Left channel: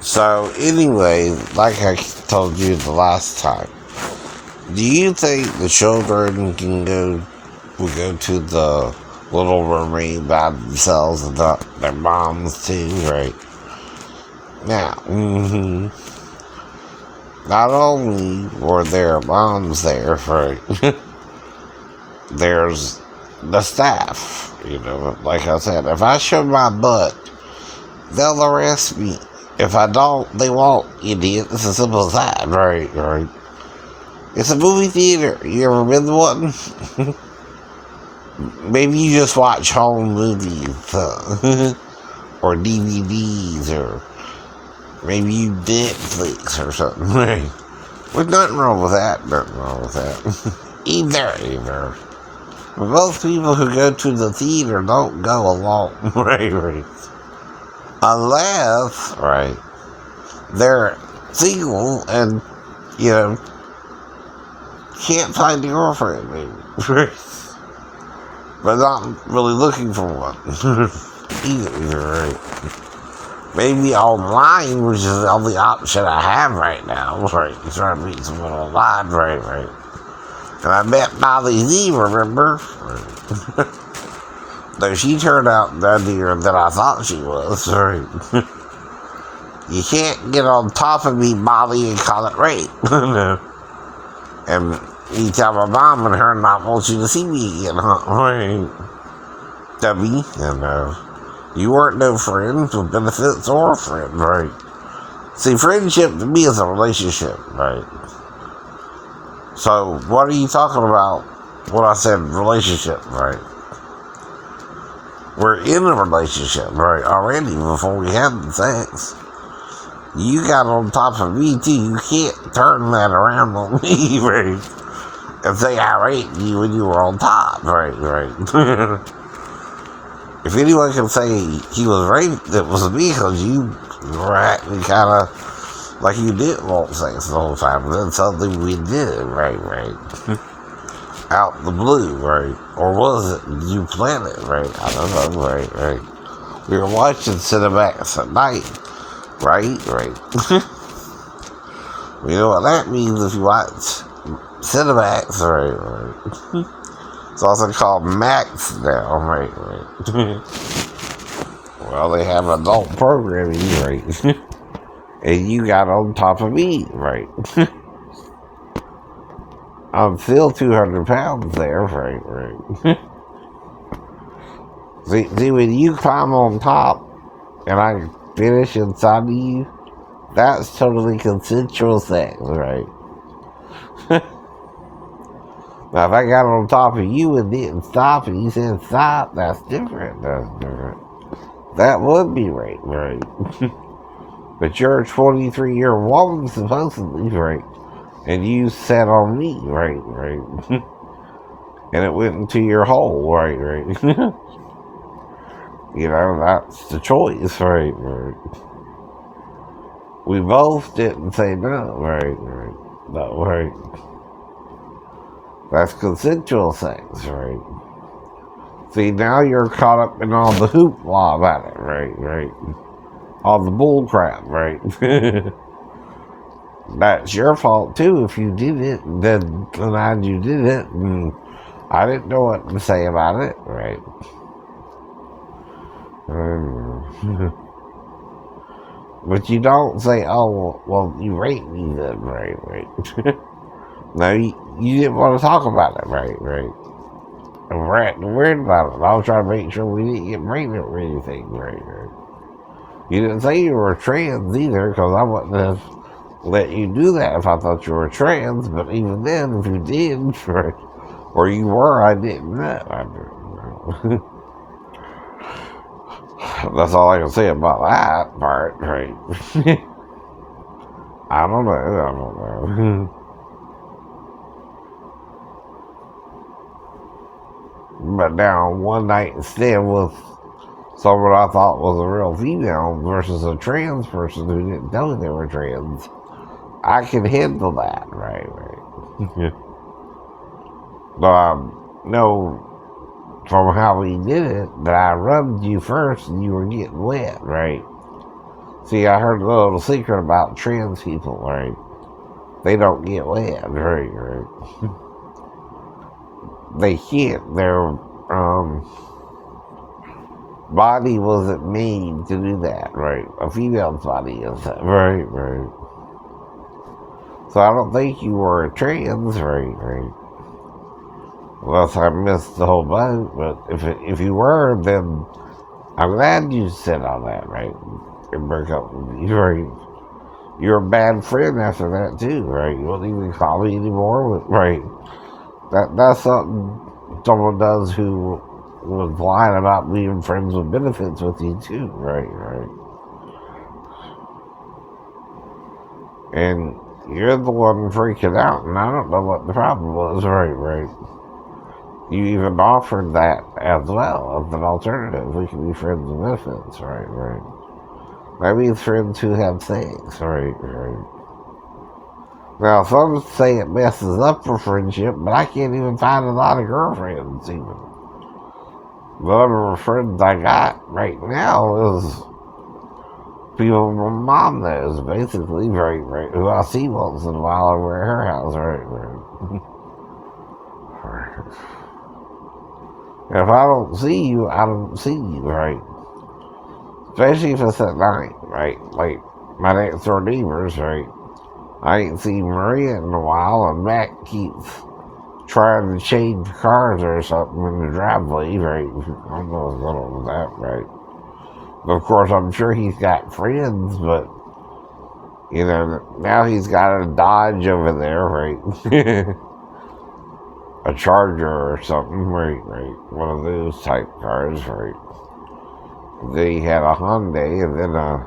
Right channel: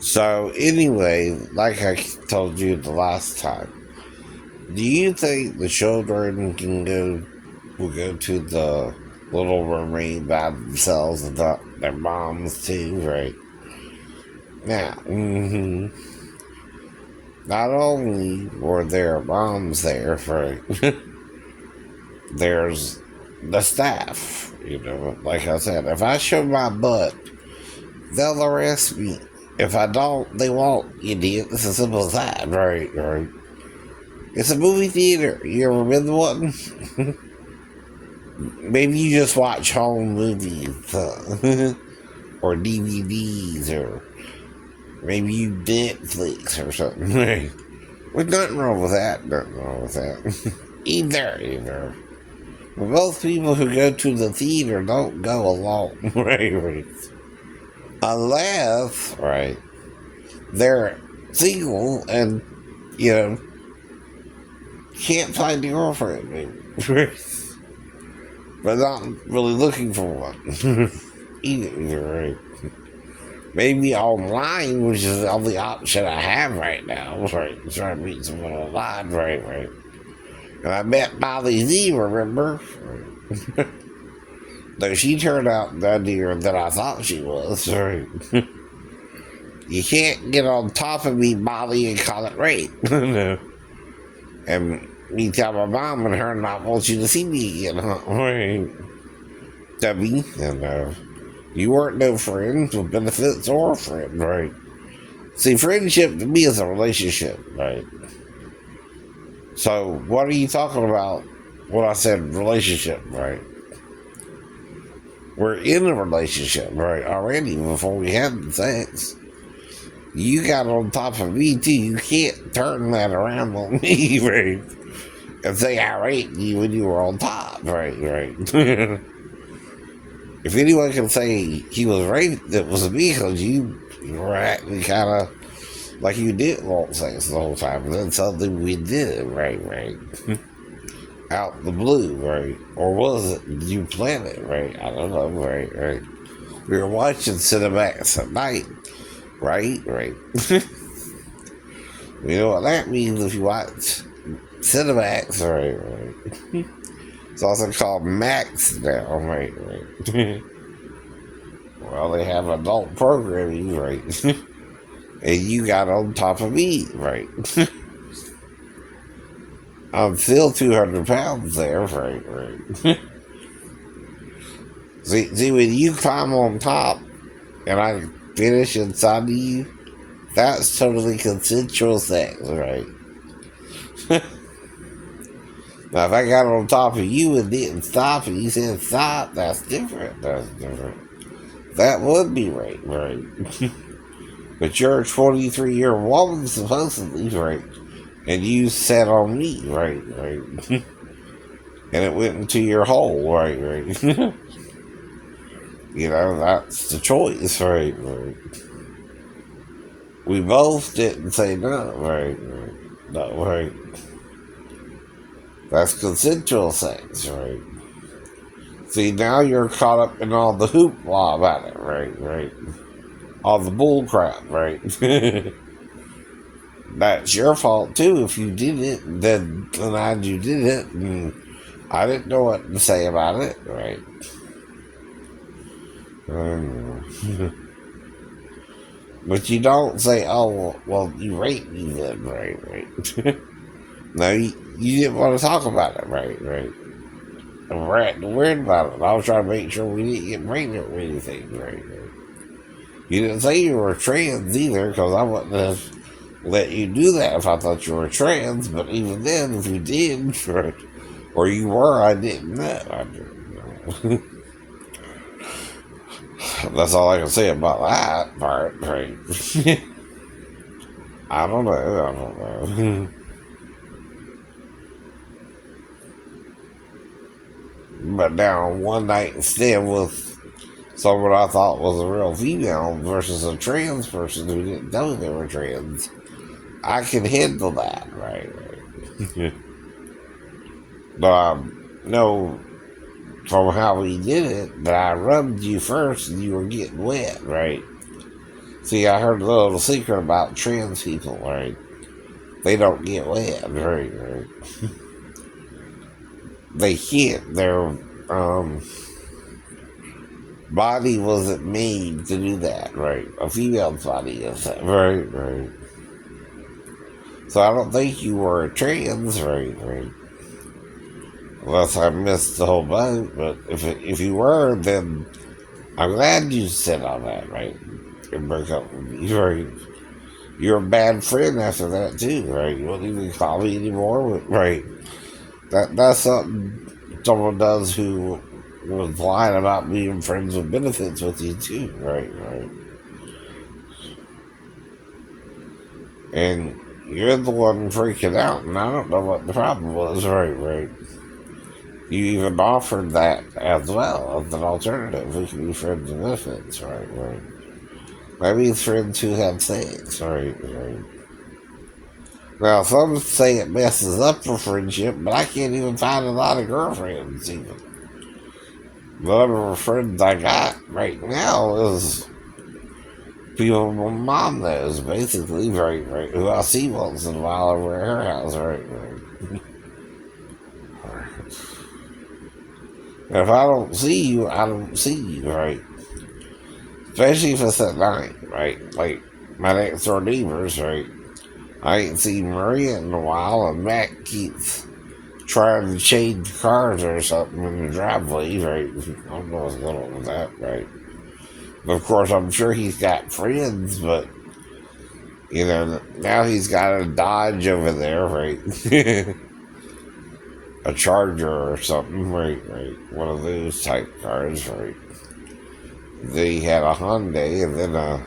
So anyway, like I told you the last time, do you think the children will go to the Little Mermaid by themselves and not their moms too, right? Now, not only were their moms there, right? There's the staff. Like I said, if I show my butt, they'll arrest me. If I don't, they won't, idiot. It's as simple as that, right? Right. It's a movie theater. You ever been to one? Maybe you just watch home movies, or DVDs, or maybe you Netflix or something. There's nothing wrong with that. Nothing wrong with that. Either. But most people who go to the theater don't go alone, right? Unless, right, they're single and, you know, can't find a girlfriend, maybe. But not really looking for one. Either, right? Maybe online, which is the only option I have right now, right? Trying to meet someone online, right? And I met Molly Z, remember? Right. Though she turned out nuttier than I thought she was, right? You can't get on top of me, Molly, and call it rape. And you tell my mom and her not want you to see me again, huh? Right. Dummy. And you weren't no friend with benefits or a friend, right? See, friendship to me is a relationship, right? So, what are you talking about when I said relationship, right? We're in a relationship, right, already before we had the sex. You got on top of me, too. You can't turn that around on me, right? And say I raped you when you were on top, right? If anyone can say he was raped, it was me, because you were acting kind of like you didn't want sex the whole time, and then suddenly we did it, right? Out the blue, right? Or was it you planned it, right? I don't know, right? We were watching Cinemax at night, right? You know what that means if you watch Cinemax, right? It's also called Max now, right? Well, they have adult programming, right? And you got on top of me, right? I'm still 200 pounds there, right? See, when you climb on top and I finish inside of you, that's totally consensual sex, right? Now, if I got on top of you and didn't stop and you said stop, that's different. That would be rape, right? But you're a 23-year woman, supposedly, right? And you sat on me, right? And it went into your hole, right? That's the choice, right? We both didn't say no, right? No, right? That's consensual sex, right? See, now you're caught up in all the hoopla about it, right? All the bull crap, right? That's your fault, too, if you did it, then denied you did it, and I didn't know what to say about it, right? But you don't say, oh, well, you raped me then, right? No, you didn't want to talk about it, right? I'm worried about it. I was trying to make sure we didn't get pregnant or anything, right? You didn't say you were trans either, because I wouldn't have let you do that if I thought you were trans, but even then, if you did, right, or you were, I didn't know. I didn't know. That's all I can say about that part, right? I don't know. But now, one night instead with someone I thought was a real female versus a trans person who didn't know they were trans, I can handle that, right? But I know from how we did it that I rubbed you first and you were getting wet, right? See, I heard a little secret about trans people, right? They don't get wet, right? They can't. Their body wasn't made to do that, right? A female's body is, right. So I don't think you were a trans, right. Unless I missed the whole boat, but if you were, then I'm glad you said all that, right? And broke up with me, right? You're a bad friend after that too, right? You won't even call me anymore, right? That's something someone does who was lying about being friends with benefits with you too, right? And you're the one freaking out, and I don't know what the problem was, right. You even offered that as well as an alternative. We can be friends with benefits, right. That means friends who have sex, right. Now, some say it messes up a friendship, but I can't even find a lot of girlfriends, even. The number of friends I got right now is people my mom knows, basically, right, who I see once in a while over at her house, right. And if I don't see you, I don't see you, right? Especially if it's at night, right? Like my next door neighbors, right? I ain't seen Maria in a while, and Matt keeps trying to change cars or something in the driveway, right? I don't know what's going on with that, right? But of course, I'm sure he's got friends, but you know, now he's got a Dodge over there, right? A Charger or something, right? One of those type cars, right? They had a Hyundai and then a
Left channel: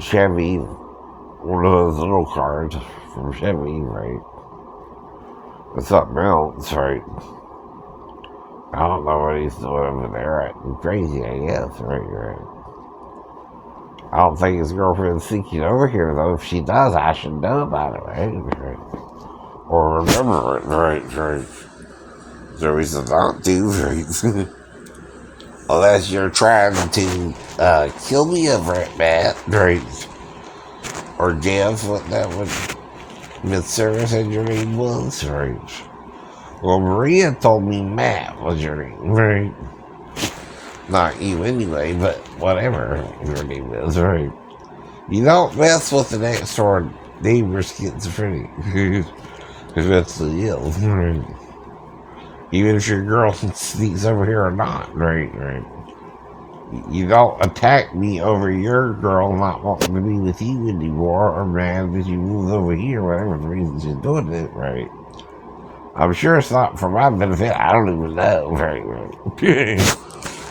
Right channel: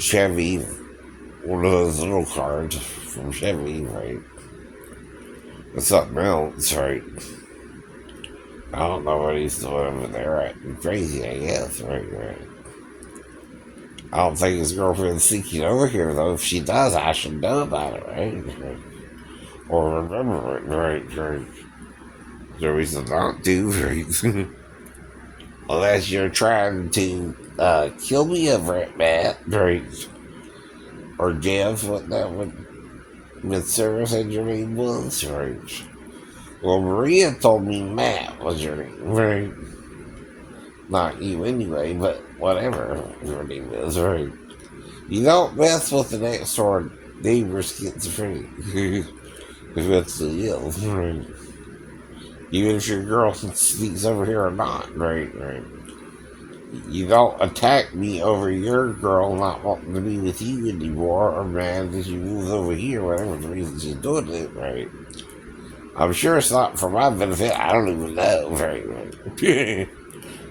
Chevy, one of those little cars from Chevy, right? And something else, right? I don't know what he's doing over there. Acting crazy, I guess, right. I don't think his girlfriend's sneaking over here, though. If she does, I should know about it, right? Or remember it, right. There's a reason not to, right? Unless you're trying to kill me over it, Matt, right? Or Jeff, what that would Miss Sarah said your name was, right? Well, Maria told me Matt was your name, right? Not you anyway, but whatever your name is, right? You don't mess with the next door neighbor's schizophrenic. Because that's the deal, right? Even if your girl sneaks over here or not, right. You don't attack me over your girl not wanting to be with you anymore, or mad that you moved over here, whatever the reason she's doing it, right? I'm sure it's not for my benefit. I don't even know, right.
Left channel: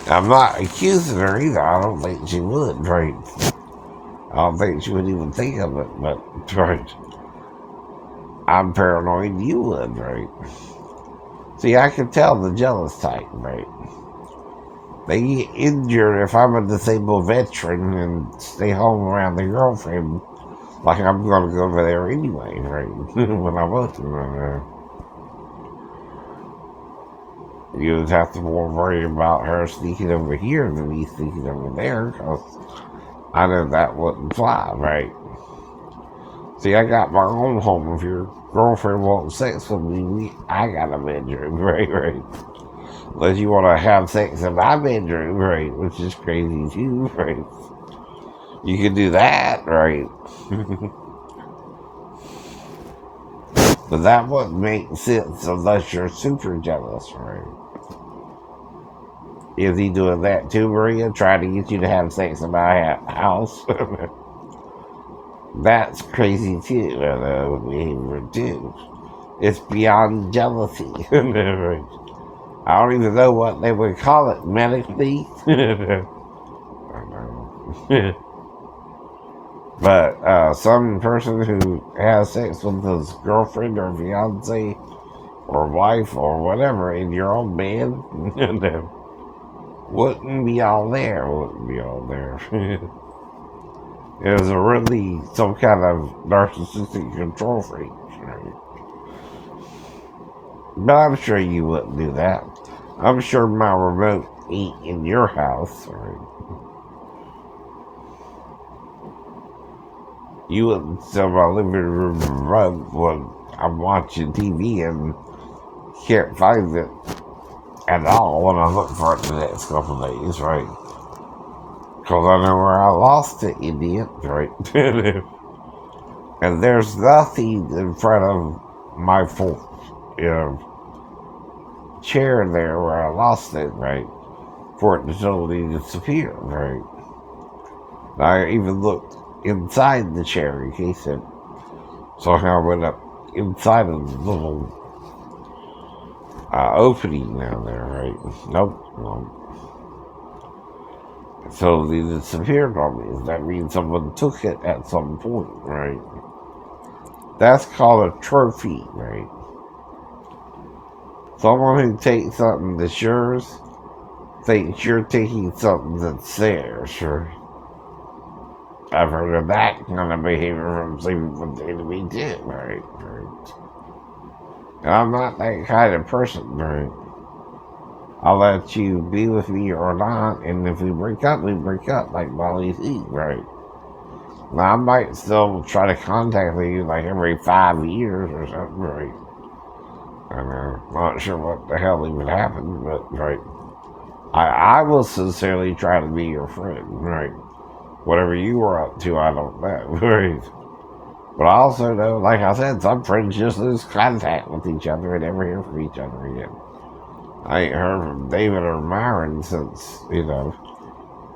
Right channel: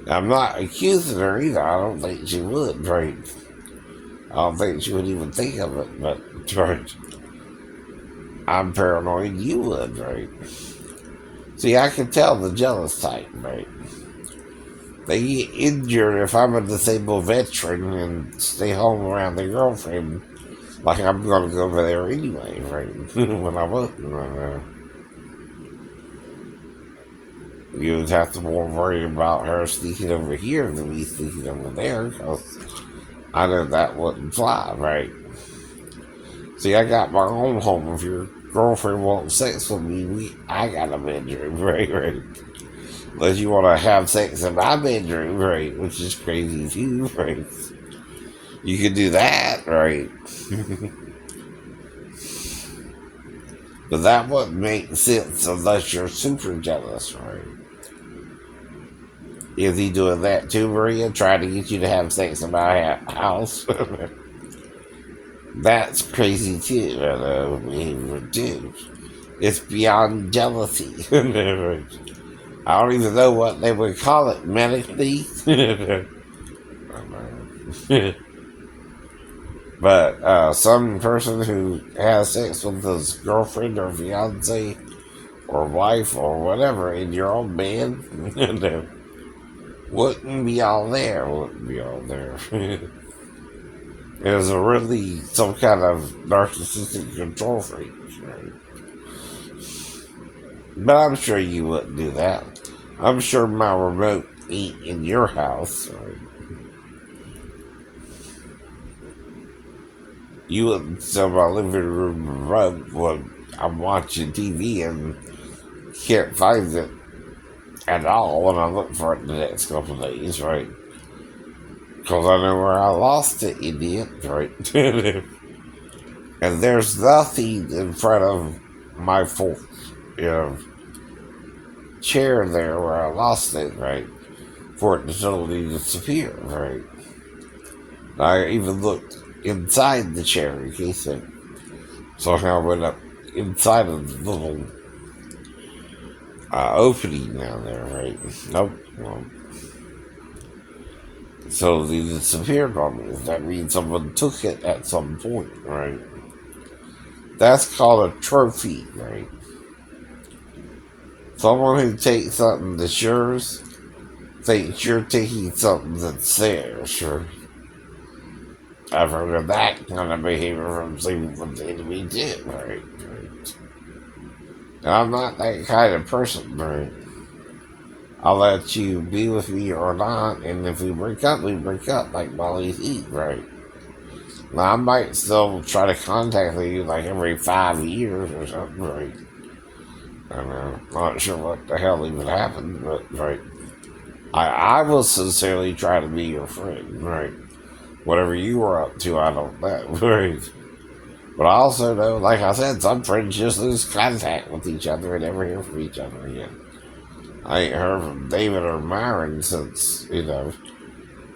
I'm not accusing her either. I don't think she would, right? I don't think she would even think of it, but, right. I'm paranoid you would, right? See, I can tell the jealous type, right? They get injured if I'm a disabled veteran and stay home around their girlfriend. Like I'm going to go over there anyway, right? When I wasn't. You would have to more worry about her sneaking over here than me sneaking over there, because I know that wouldn't fly, right? See, I got my own home. If your girlfriend wants sex with me, I got a bedroom, right. Unless you want to have sex in my bedroom, right? Which is crazy too, right? You can do that, right? But that wouldn't make sense unless you're super jealous, right? Is he doing that too, Maria? Trying to get you to have sex in my house? That's crazy too, behavior too. It's beyond jealousy. I don't even know what they would call it, medically. But some person who has sex with his girlfriend or fiance or wife or whatever in your own bed wouldn't be all there. It was really some kind of narcissistic control freak. Right? But I'm sure you wouldn't do that. I'm sure my remote ain't in your house. Right? You wouldn't sell my living room rug when I'm watching TV and can't find it at all when I look for it the next couple of days, right? Because I know where I lost it, idiot, right? And there's nothing in front of my full, you know, chair there where I lost it, right? For it to totally disappear, right? I even looked inside the chair in case it somehow went up inside of the little opening down there, right? Nope, nope. So they disappeared on me. That means someone took it at some point, right? That's called a trophy, right? Someone who takes something that's yours thinks you're taking something that's theirs, right? I've heard of that kind of behavior from people to me too, right? And I'm not that kind of person, right? I'll let you be with me or not, and if we break up, we break up, like Molly Lee, right? Now, I might still try to contact you like every 5 years or something, right? I'm not sure what the hell even happened, but, right? I will sincerely try to be your friend, right? Whatever you were up to, I don't know, right? But I also know, like I said, some friends just lose contact with each other and never hear from each other again. I ain't heard from David or Myron since, you know,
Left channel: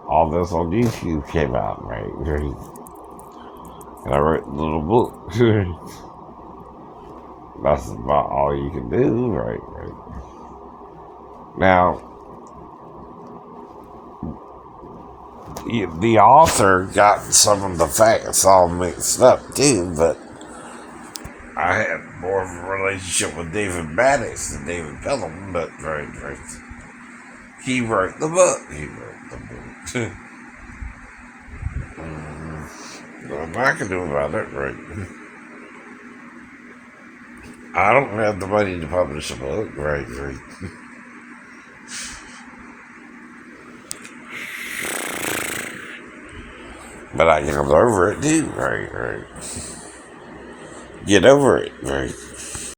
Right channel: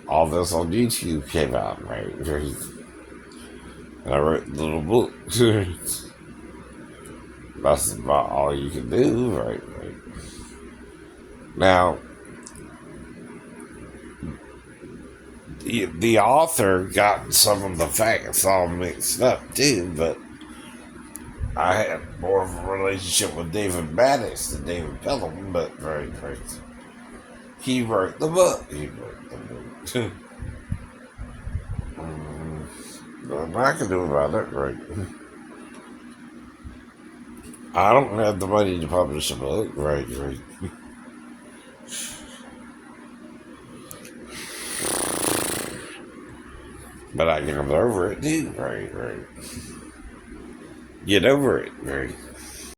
all this on YouTube came out, right? And I wrote a little book. That's about all you can do, right? Now, the author got some of the facts all mixed up too, but I had more of a relationship with David Maddox than David Pelham, but right. He wrote the book. What I can do about it, right? I don't have the money to publish a book, right. But I can get over it too, right. Get over it, right.